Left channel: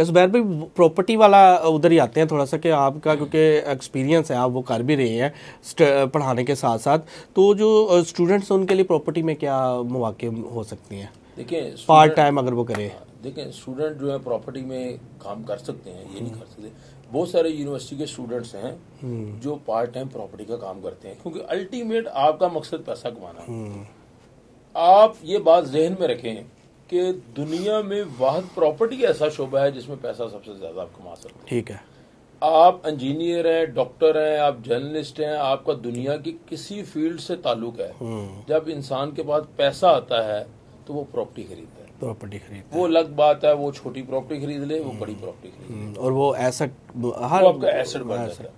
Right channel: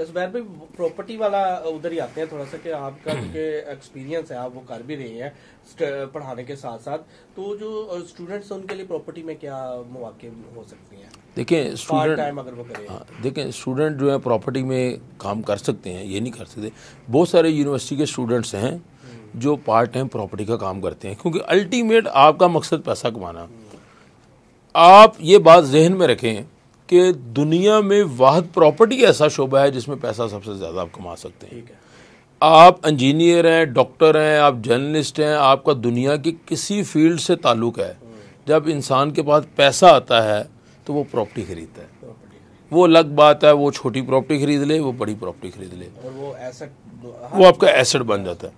जुबैर भाई प्रॉपर्टी वाला उधर ही आते हैं थोड़ा सा कि आपका क्योंकि एक्सपीरियंस है, आप वो कर भी रहे हैं पढ़ाने के साथ साथ, तो जो स्टूडेंट्स हैं उनके लिए प्रॉपर्टी में क्या मौके हो सकती हैं? देखें पार्ट टाइम अगर वो करें। देखें स्टूडेंट जो है प्रॉपर्टी में काम कर सकते हैं, ये नहीं कर सकते। बहुत सारे यूनिवर्सिटी के स्टूडेंट्स हैं जो पार्ट टाइम प्रॉपर्टी का काम करते हैं, क्योंकि अल्टीमेट आपका मकसद पैसा कमाना। आप ये बात जहन में रखें कि दुनिया में वाहिद प्रॉपर्टी ऐसा शोबा है जिसमें पैसा सबसे ज़्यादा आप कमा सकते हैं। ठीक है, आप इंजीनियर हैं, डॉक्टर हैं, आप जर्नलिस्ट हैं, आपका दुनिया की किसी फील्ड से ताल्लुक है, जब इंसान के पास पैसा आता है तो वो प्रॉपर्टी खरीदता है। प्रॉपर्टी खरीद वो अलग बात है, वो छोटी प्रॉपर्टी खरीद ले, वो बड़ी प्रॉपर्टी खरीद ले, और वो एसेट, वो आपका एसेट बन जाता है।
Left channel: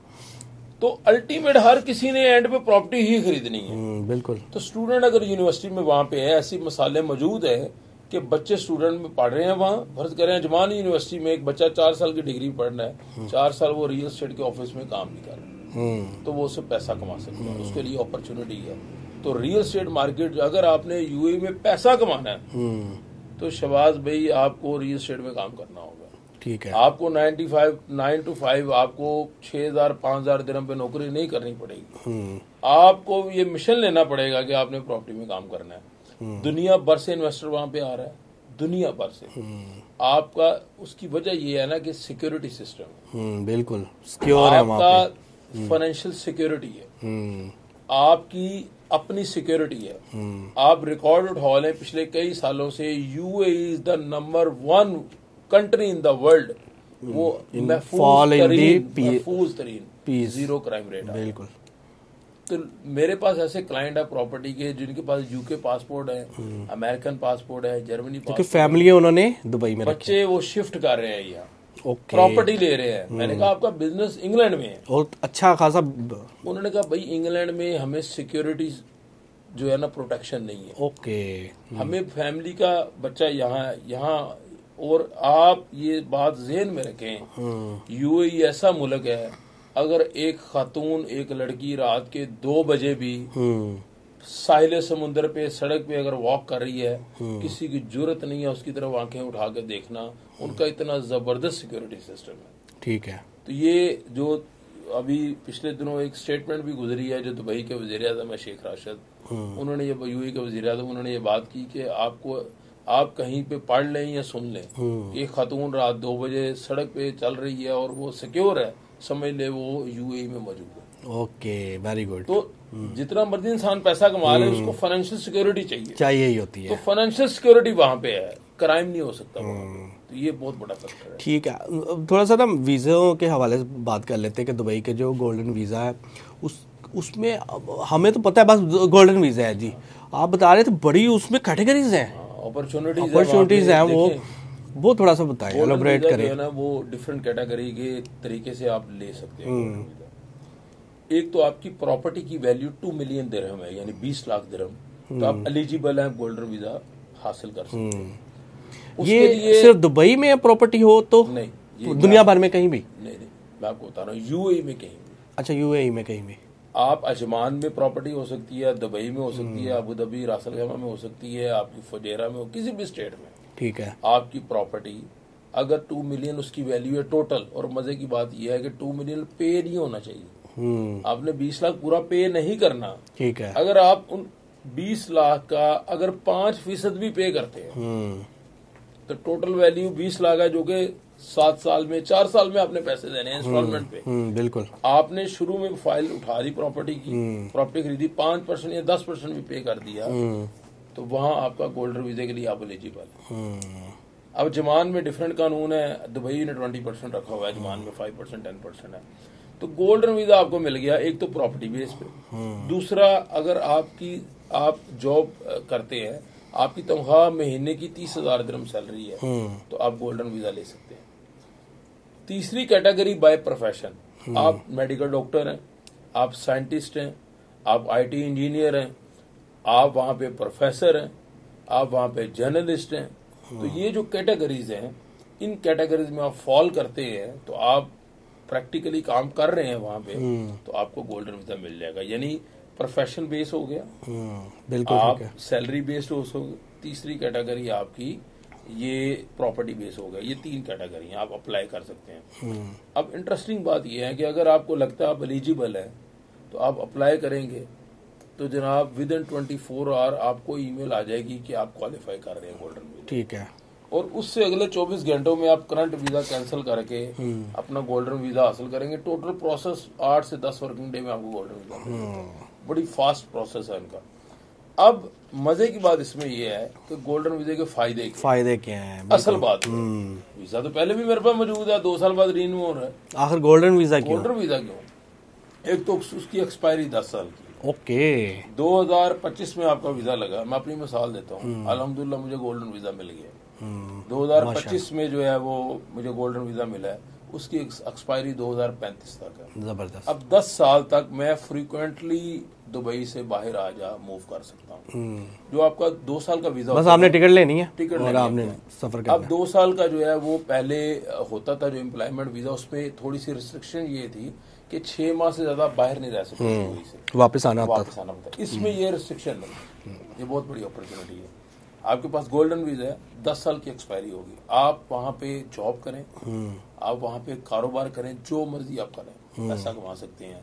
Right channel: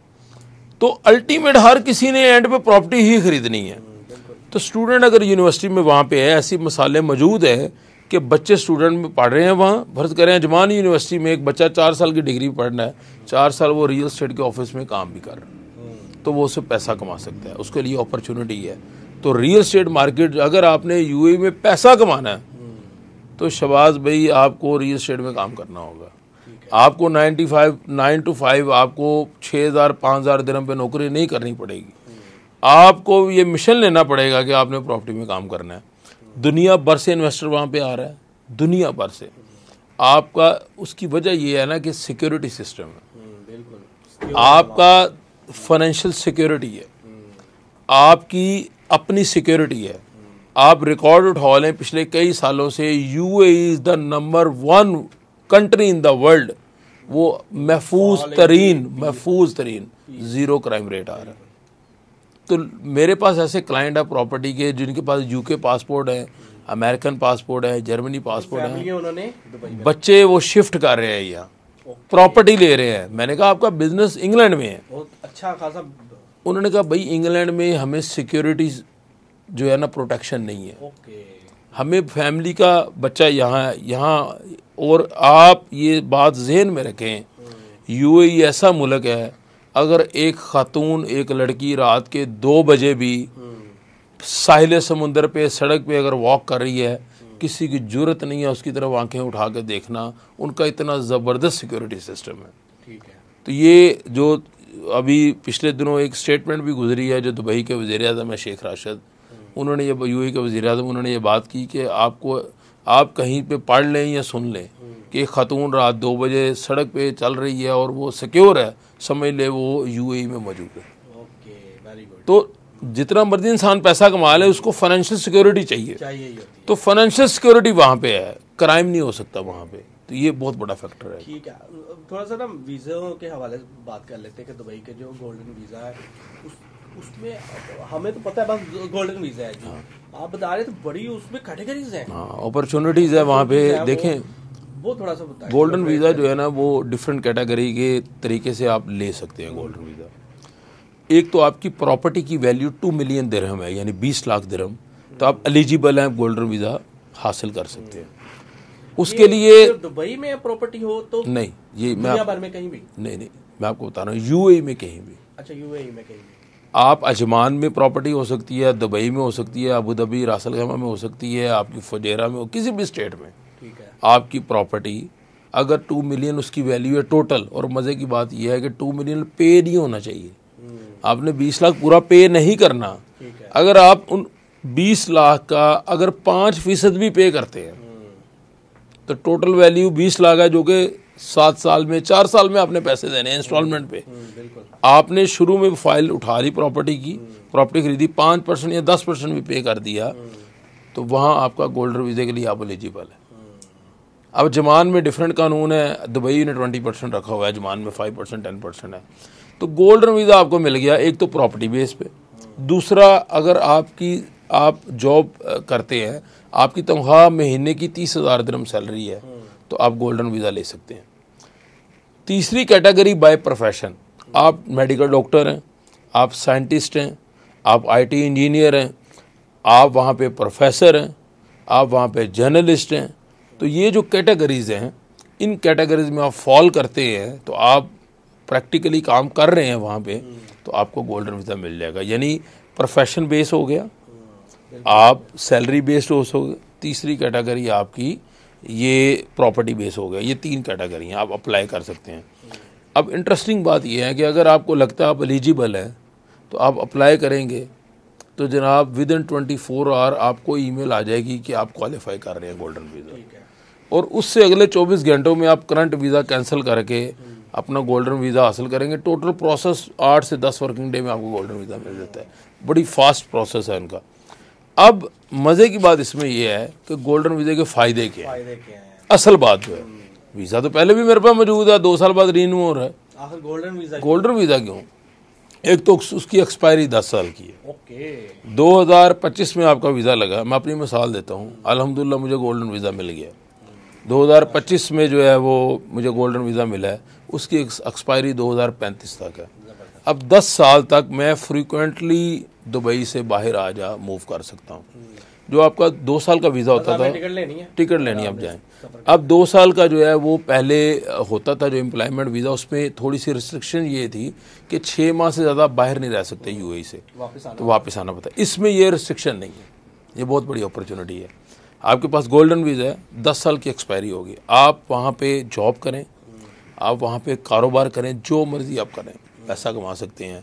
तो अल्टीमेट हर किसी ने एंड पे प्रॉपर्टी ही खरीदनी है। बिल्कुल। तो स्टूडेंट अगर यूनिवर्सिटी में वहाँ पे है, ऐसी मसाले मौजूद है कि बच्चे स्टूडेंट में पढ़ रहे हैं, वहाँ फर्ज करें अजमान यूनिवर्सिटी में एक बच्चा 4 साल की डिग्री पढ़ना है, 4 साल वो रियल एस्टेट के ऑफिस में काम भी कर रहा है, तो वो उससे पैसा कमा सकता है, उसके लिए अपॉर्चुनिटी है। तो रियल एस्टेट मार्केट, अगर आपने यूएई में पैसा कमाना है तो शहबाज भाई आपको रियल एस्टेट में काम करना होगा। ठीक है, आपको 9 to 5 आपको 6,000 5,000 दिरहम पे नौकरी नहीं करनी पड़ेगी। आपको ये मिशन लेना पड़ेगा कि आपने प्रॉपर्टी में काम करना है। दुनिया भर से इन्वेस्टर वहां पे आ रहा है, दुनिया भर से। आपका उसकी वजह ये है ना कि सिक्योरिटी सिस्टम है, बिल्कुल आपका फाइनेंशियल सिक्योरिटी है, आपकी अपनी सिक्योरिटी है। आप रिकॉर्ड उठा लें पिछले कई सालों से, UAE is the number 1 country in the world, वो महफूज तरीन जीरो क्राइम रेट है। तो मेरे पास ऐसे क्लाइंट है प्रॉपर्टी के जिनके पास यूके पासपोर्ट है, अमेरिकन पासपोर्ट है, जर्मनी पासपोर्ट, फैमिली है, उन्होंने दुबई में, बच्चे वो शिफ्ट कर रहे हैं यहाँ, प्रॉपर्टी ले रहे हैं। मैंने कहा आपका बिजनेस इंग्लैंड में है, बहुत अच्छा खासा। उन्होंने कहा भाई इंग्लैंड में हमें सिक्योरिटी जो है ना प्रोटेक्शन नहीं है, हमें फैमिली का बच्चा यहाँ। और आप ये बात जहन में रखें, यूएई ऐसा मुल्क है, अगर एक खातून, एक लड़की रात के 2 बजे भी साहिल समुंदर पे, सड़क पे अगर वॉक कर रही है, किसी की जरूरत नहीं है उसकी तरफ आंखें उठा के देखना। उनका इतना ज़बरदस्त सिक्योरिटी सिस्टम है। ठीक है, तो ये जो अभी पिछले दिनों एक स्टेटमेंट भी गुजरी है जो दुबई के वज़ीर-ए-आज़म है शेख राशिद, उन्होंने ये, यूएई के वज़ीर-ए-आज़म, उन्होंने ये बात की कि आप कहीं पे पढ़ लें या सुन लें कि एक खातून रात 2 बजे सड़क पे चल रही है और वो सिक्योर है, समझ ले वो यूएई में मौजूद है। Okay, very good. तो जितना मर्जी इंसान पैसा कमा ले, उसको फाइनेंशियल सिक्योरिटी चाहिए ही होती है। तो फाइनेंशियल सिक्योरिटी वहाँ पे है, क्राइम नहीं हो सकता वहाँ पे। तो ये बहुत बड़ा फैक्टर है। ठीक है, थोड़ा सा ना वीज़ों के हवाले से बात कर लेते हैं कि दुबई के जो गोल्डन वीज़ा है उसमें हमें तो पता है बस गोल्डन वीज़ा है जी, आप बता रहे थे बड़ी उसमें कैटेगरीज हैं, अपॉर्चुनिटीज है वहाँ पे। देखें वो थोड़ा सा बताएं। गोल्डन वीज़ा जो है ना वो डिफरेंट कैटेगरी के तरीके से आप ले सकते हैं गोल्डन वीज़ा। एक तो आपकी प्रॉपर्टी की वैल्यू 2 मिलियन दिरहम है, यानी 20 लाख दिरहम, तो आप एलिजिबल हैं, गोल्डन वीज़ा हासिल कर सकते हैं। उसके लिए सिर्फ दुबई में प्रॉपर्टी हो तो नहीं, ये दुनिया भर में कहीं भी नहीं, मैं आपको बता रहा हूँ यूएई में कहीं भी। अच्छा, यूएई में कहीं भी आप अजमान में प्रॉपर्टी हो सकती है, दुबई में हो सकती है, अबू धाबी रास अल खैमा में हो सकती है, आपकी फुजैरा में हो, किसी भी स्टेट में। ठीक है, आपकी प्रॉपर्टी अगर 2 मिलियन उसकी वैल्यू है टोटल, और मजे की बात यह है कि 2 मिलियन पे नहीं होना चाहिए, आपने 20 लाख पूरा पे नहीं करना। ठीक है, अगर आप उन 20 लाख का अगर 5% भी पे करते हैं तो टोटल वैल्यू 20 लाख है, जो कि 7 साल में 4 साल में आपने पैसे देने हैं इंस्टॉलमेंट पे। बिल्कुल। आपने शुरू में फाइल उठा ली प्रॉपर्टी की, प्रॉपर्टी खरीदी, 5% या 10% भी पे कर दिया, तो वहाँ आपका गोल्डन वीज़े के लिए आप एलिजिबल है। अब जमान में डिफरेंट कानून है, दुबई ने 20% रखा हुआ है, जमान में 5% 10% है। तो गोल्डन वीज़ा आपको मिल गया, एक तो प्रॉपर्टी बेस पे। दूसरा, अगर आप जॉब करते हैं, आपकी तनख्वाह महीने की 30,000 दिरहम सैलरी है, तो आप गोल्डन वीज़ा ले सकते हैं। तीसरी कैटेगरी बाय प्रोफेशन, आप मेडिकल डॉक्टर हैं, आप साइंटिस्ट हैं, आप आईटी इंजीनियर हैं, आप वहाँ पे प्रोफेसर हैं, आप वहाँ पे जर्नलिस्ट हैं। तो ये जो कैटेगरीज हैं, इन कैटेगरीज में आप फॉल करते हैं, तो आप प्रैक्टिकली काम कर रहे हैं वहाँ पे, तो आपको गोल्डन वीज़ा मिल जाएगा। यानी प्रोफेशन बेस हो गया, आप सैलरी बेस्ड हो सकते। तीसरी कैटेगरी आपकी ये प्रॉपर्टी बेस हो गया। ये 3 कैटेगरी हैं, आप अप्लाई कर सकते हैं। अब इंटरेस्टिंग बात ये है कि अगर आपको लगता है आप एलिजिबल है तो आप अप्लाई करेंगे तो जनाब विद इन 24 आवर आपको ईमेल आ जाएगी कि आप क्वालिफाई कर रहे हैं गोल्डन वीज़ा। ठीक है। और उससे अगले 24 घंटों में आप करंट वीज़ा कैंसिल करके अपना गोल्डन वीज़ा हासिल करेंगे। टोटल प्रोसेस 8 से 10 वर्किंग डे में आपको गोल्डन वीज़ा मिल जाता है। बड़ी फास्ट प्रोसेस है उनका। अब मज़े की बात इसमें यह है कि गोल्डन वीज़े के फ़ायदे क्या हैं? असल बात है वीज़ा तो पहले भी मेरे पास मौजूद है, 2 साल बाद रिन्यू हो रहा है। आखिर गोल्डन वीज़ा क्यों? एक तो उसकी एक्सपायरी 10 साल की है। ओके। 2025 में आपका वीज़ा लगा, मैं अपनी मिसाल देता हूँ, अल्हम्दुलिल्लाह मुझे गोल्डन वीज़ा मिल गया। 2025 में जो है वो मुझे गोल्डन वीज़ा मिला है, उसकी एक्सपायरी 2035 तक है। ज़बरदस्त। अब 10 साल तक मैं फ्रीक्वेंटली दुबई से बाहर आ जा मूव कर सकता हूँ। जो आपका 2 साल का वीज़ा होता है, आपने टिकट लेनी है, आप जाएं। अब 2 साल का जो है वो पहले होता था जो एम्प्लॉयमेंट वीज़ा, उसमें थोड़ी सी रिस्ट्रिक्शन ये थी कि 6 माह से ज़्यादा बाहर नहीं रह सकते यूएई से, वापस आना पड़ता है। इसमें ये रिस्ट्रिक्शन नहीं है, ये बहुत बड़ी अपॉर्चुनिटी है। आपके पास गोल्डन वीज़ा है, 10 साल की एक्सपायरी होगी, आप वहाँ पे जॉब करें, आप वहाँ पे कारोबार करें, जो मर्जी आप करें, पैसा कमा सकते हैं।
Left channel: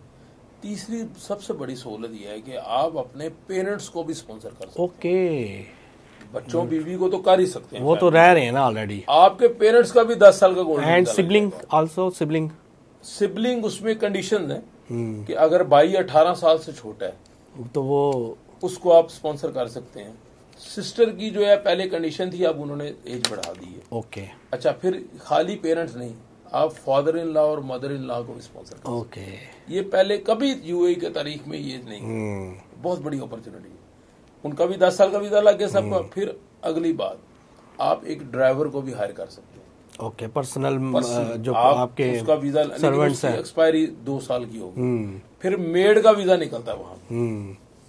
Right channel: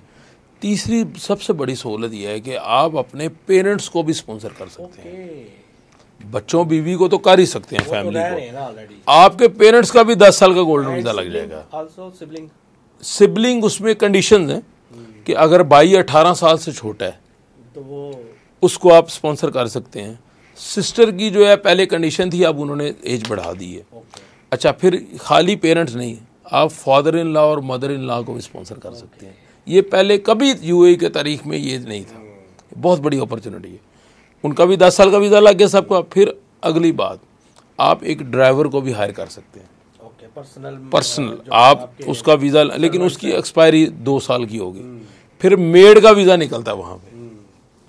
तीसरी सबसे बड़ी सहूलत यह है कि आप अपने पेरेंट्स को भी स्पॉन्सर कर सकते हैं। बच्चों बीवी को तो कर ही सकते हैं, वो तो रह रहे हैं ना ऑलरेडी। आपके पेरेंट्स का भी 10 साल का गोल्डन वीज़ा लगेगा। सिबलिंग उसमें कंडीशंस हैं कि अगर भाई 18 साल से छोटा है तो वो उसको आप स्पॉन्सर कर सकते हैं। सिस्टर की जो है पहले कंडीशन थी, अब उन्होंने एज बढ़ा दी है। ओके। अच्छा, फिर खाली पेरेंट्स नहीं, आप फादर इन लॉ और मदर इन लॉ को भी स्पॉन्सर कर सकते हैं। ये पहले कभी यूएई के तारीख में ये नहीं था। बहुत बड़ी अपॉर्चुनिटी है। उनका भी 10 साल का वीज़ा लग गया सबका। फिर अगली बात, आप एक ड्राइवर को भी हायर कर सकते हैं। ओके। पर्सनल जो आप उसका वीज़ा, लेकिन उसकी एक्सपायरी 2 साल की होगी। फिर मेड का वीज़ा निकलता है वहाँ पे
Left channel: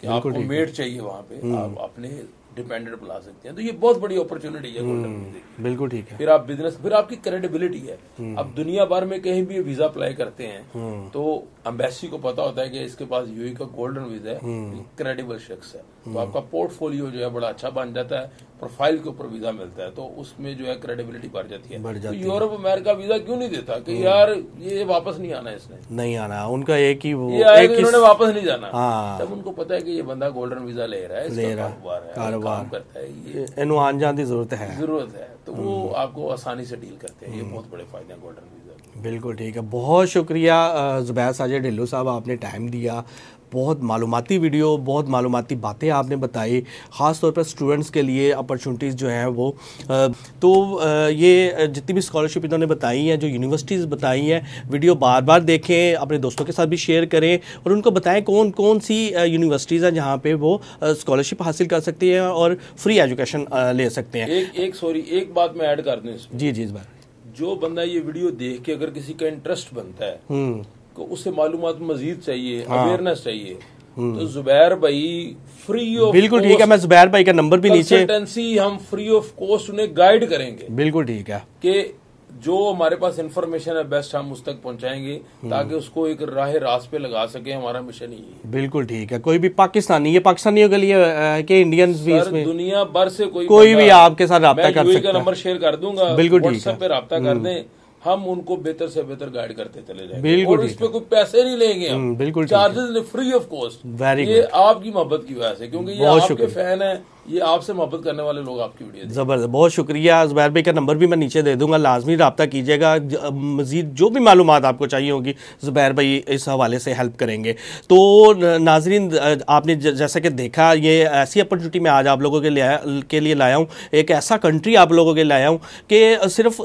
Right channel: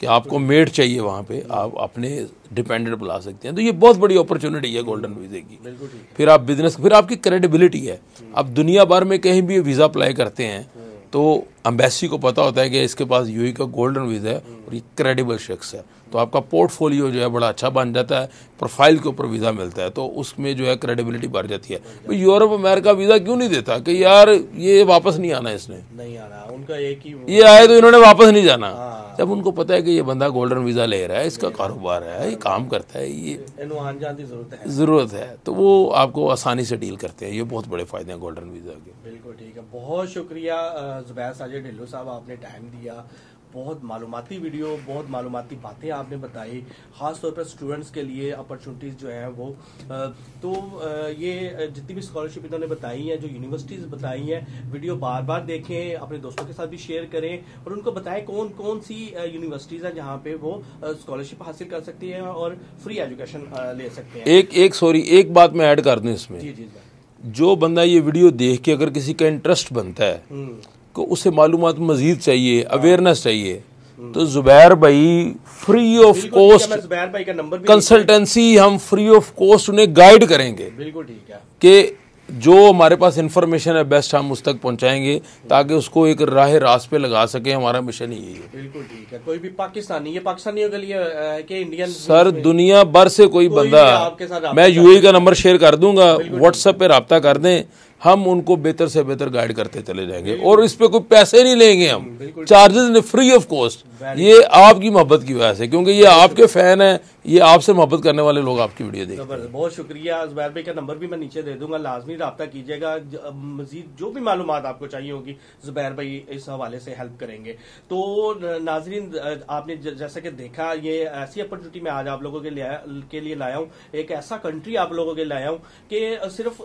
कि आपको मेड चाहिए, वहाँ पे आप अपने डिपेंडेंट बुला सकते हैं। तो ये बहुत बड़ी अपॉर्चुनिटी है गोल्डन वीज़े की। बिल्कुल ठीक है। फिर आप बिजनेस, फिर आपकी क्रेडिबिलिटी है। अब दुनिया भर में कहीं भी वीज़ा अप्लाई करते हैं तो एम्बेसी को पता होता है कि इसके पास यूएई का गोल्डन वीज़ा है, क्रेडिबल शख्स है, तो आपका पोर्टफोलियो जो है बड़ा अच्छा बन जाता है, प्रोफाइल के ऊपर वीज़ा मिलता है, तो उसमें जो है क्रेडिबिलिटी बढ़ जाती है। तो यूरोप अमेरिका वीज़ा क्यों नहीं देता कि यार ये वापस नहीं आना, इसने नहीं आना, उनका एक ही ये आया तो इन्होंने वापस नहीं जाना। जब उनको पता है कि ये बंदा गोल्डन वीज़ा ले रहा है, इसका कारोबार है, ये काम करता है, ये आन जान की ज़रूरत है, तो वो आपको आसानी से डील करते हैं। ये बहुत बड़े फ़ायदे हैं गोल्डन वीज़ा के। बिल्कुल ठीक है। बहुत शुक्रिया ज़ुबैर साजिद ढिल्लों साहब, आपने टाइम दिया, बहुत मालूमाती वीडियो, बहुत मालूमाती बातें आपने बताई, ख़ास तौर पर स्टूडेंट्स के लिए अपॉर्चुनिटीज़ जो हैं वो। तो ये जितनी भी स्कॉलरशिप इन्होंने बताई हैं, जो यूनिवर्सिटीज़ बताई हैं, वीडियो बार बार देखें, अपने दोस्तों के साथ भी शेयर करें और उनको बताएं कौन कौन सी यूनिवर्सिटीज़ हैं जहाँ पे वो स्कॉलरशिप हासिल कर सकती हैं और फ्री एजुकेशन ले सकते हैं। एक बात मैं ऐड कर दूँ इसमें। जी जी। जो बंदा ये वीडियो देख के अगर किसी का इंटरेस्ट बनता है तो उसे मालूमात मजीद चाहिए, अवेयरनेस चाहिए, तो जुबैर भाई फ्री ऑफ कॉस्ट, मैं जुबैर भाई का नंबर भी कंसल्टेंसी हम फ्री ऑफ कॉस्ट उन्हें गाइड करेंगे। बिल्कुल ठीक है कि जो हमारे पास इंफॉर्मेशन है बेस्ट हम उस तक पहुंचाएंगे ताकि उसको एक राह रास्त पे लगा सके। हमारा मिशन ही है। बिल्कुल ठीक है। कोई भी पाकिस्तानी, ये पाकिस्तानियों के लिए के इंडियन सर दुनिया भर से कोई भी आपके साथ, मैं यूएई का नंबर शेयर कर दूंगा, व्हाट्सएप पे रब्ता कर दें, हम उनको बेहतर से बेहतर गाइड करते चले जाएंगे और इस पे कोई पैसे नहीं लेंगे हम, बिल्कुल चार्जेस नहीं, फ्री ऑफ कॉस्ट। ये आपकी मोहब्बत की वजह से, क्योंकि ये आपके फैन है, ये आपसे मोहब्बत करने वाले लोग आपकी वीडियो देखें। ज़बरदस्त, बहुत शुक्रिया। ज़ुबैर भाई का नंबर भी मैं नीचे दे दूंगा, लाजमी रब्ता कीजिएगा। मज़ीद जो भी मालूमात आपको चाहिए होगी ज़ुबैर भाई इस हवाले से हेल्प करेंगे। तो नाजरीन, आपने जैसा कि देखा, ये ऐसी अपॉर्चुनिटी मैं आज आप लोगों के लिए लाया हूँ, एक ऐसा कंट्री आप लोगों के लिए लाया हूँ कि सिर्फ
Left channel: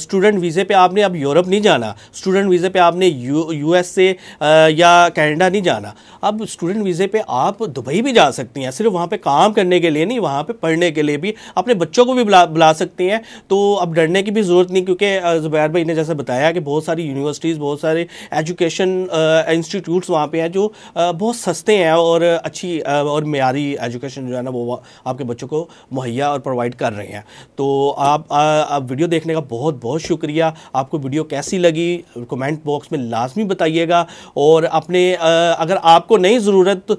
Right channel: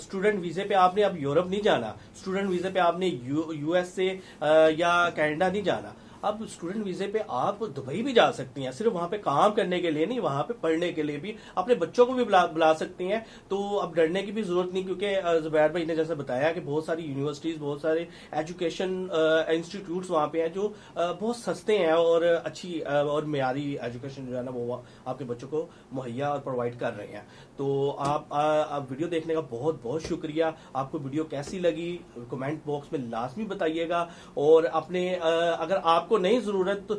स्टूडेंट वीज़े पे आपने अब यूरोप नहीं जाना, स्टूडेंट वीज़े पे आपने यूएस से या कनाडा नहीं जाना। अब स्टूडेंट वीज़े पे आप दुबई भी जा सकती हैं, सिर्फ वहाँ पे काम करने के लिए नहीं, वहाँ पे पढ़ने के लिए भी, अपने बच्चों को भी बुला सकती हैं। तो अब डरने की भी ज़रूरत नहीं, क्योंकि ज़ुबैर भाई ने जैसे बताया कि बहुत सारी यूनिवर्सिटीज़, बहुत सारे एजुकेशन इंस्टीट्यूट्स वहाँ पे हैं जो बहुत सस्ते हैं और अच्छी और मेयारी एजुकेशन जो है ना वो आपके बच्चों को मुहैया और प्रोवाइड कर रहे हैं। तो आप वीडियो देखने का बहुत बहुत शुक्रिया। आपको वीडियो कैसी लगी कमेंट बॉक्स में लाजमी बताइएगा, और अपने अगर आपको नहीं ज़रूरत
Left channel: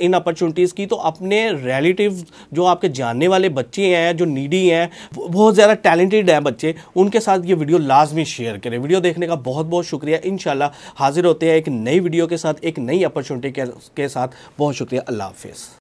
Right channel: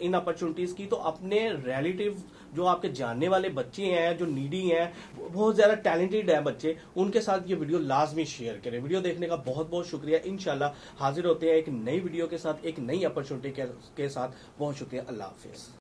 इन अपॉर्चुनिटीज़ की तो अपने रिलेटिव जो आपके जानने वाले बच्चे हैं, जो नीडी हैं, बहुत ज़्यादा टैलेंटेड हैं बच्चे, उनके साथ ये वीडियो लाजमी शेयर करें। वीडियो देखने का बहुत बहुत शुक्रिया। इंशाल्लाह हाजिर होते हैं एक नई वीडियो के साथ, एक नई अपॉर्चुनिटी के साथ। बहुत शुक्रिया। अल्लाह हाफिज़।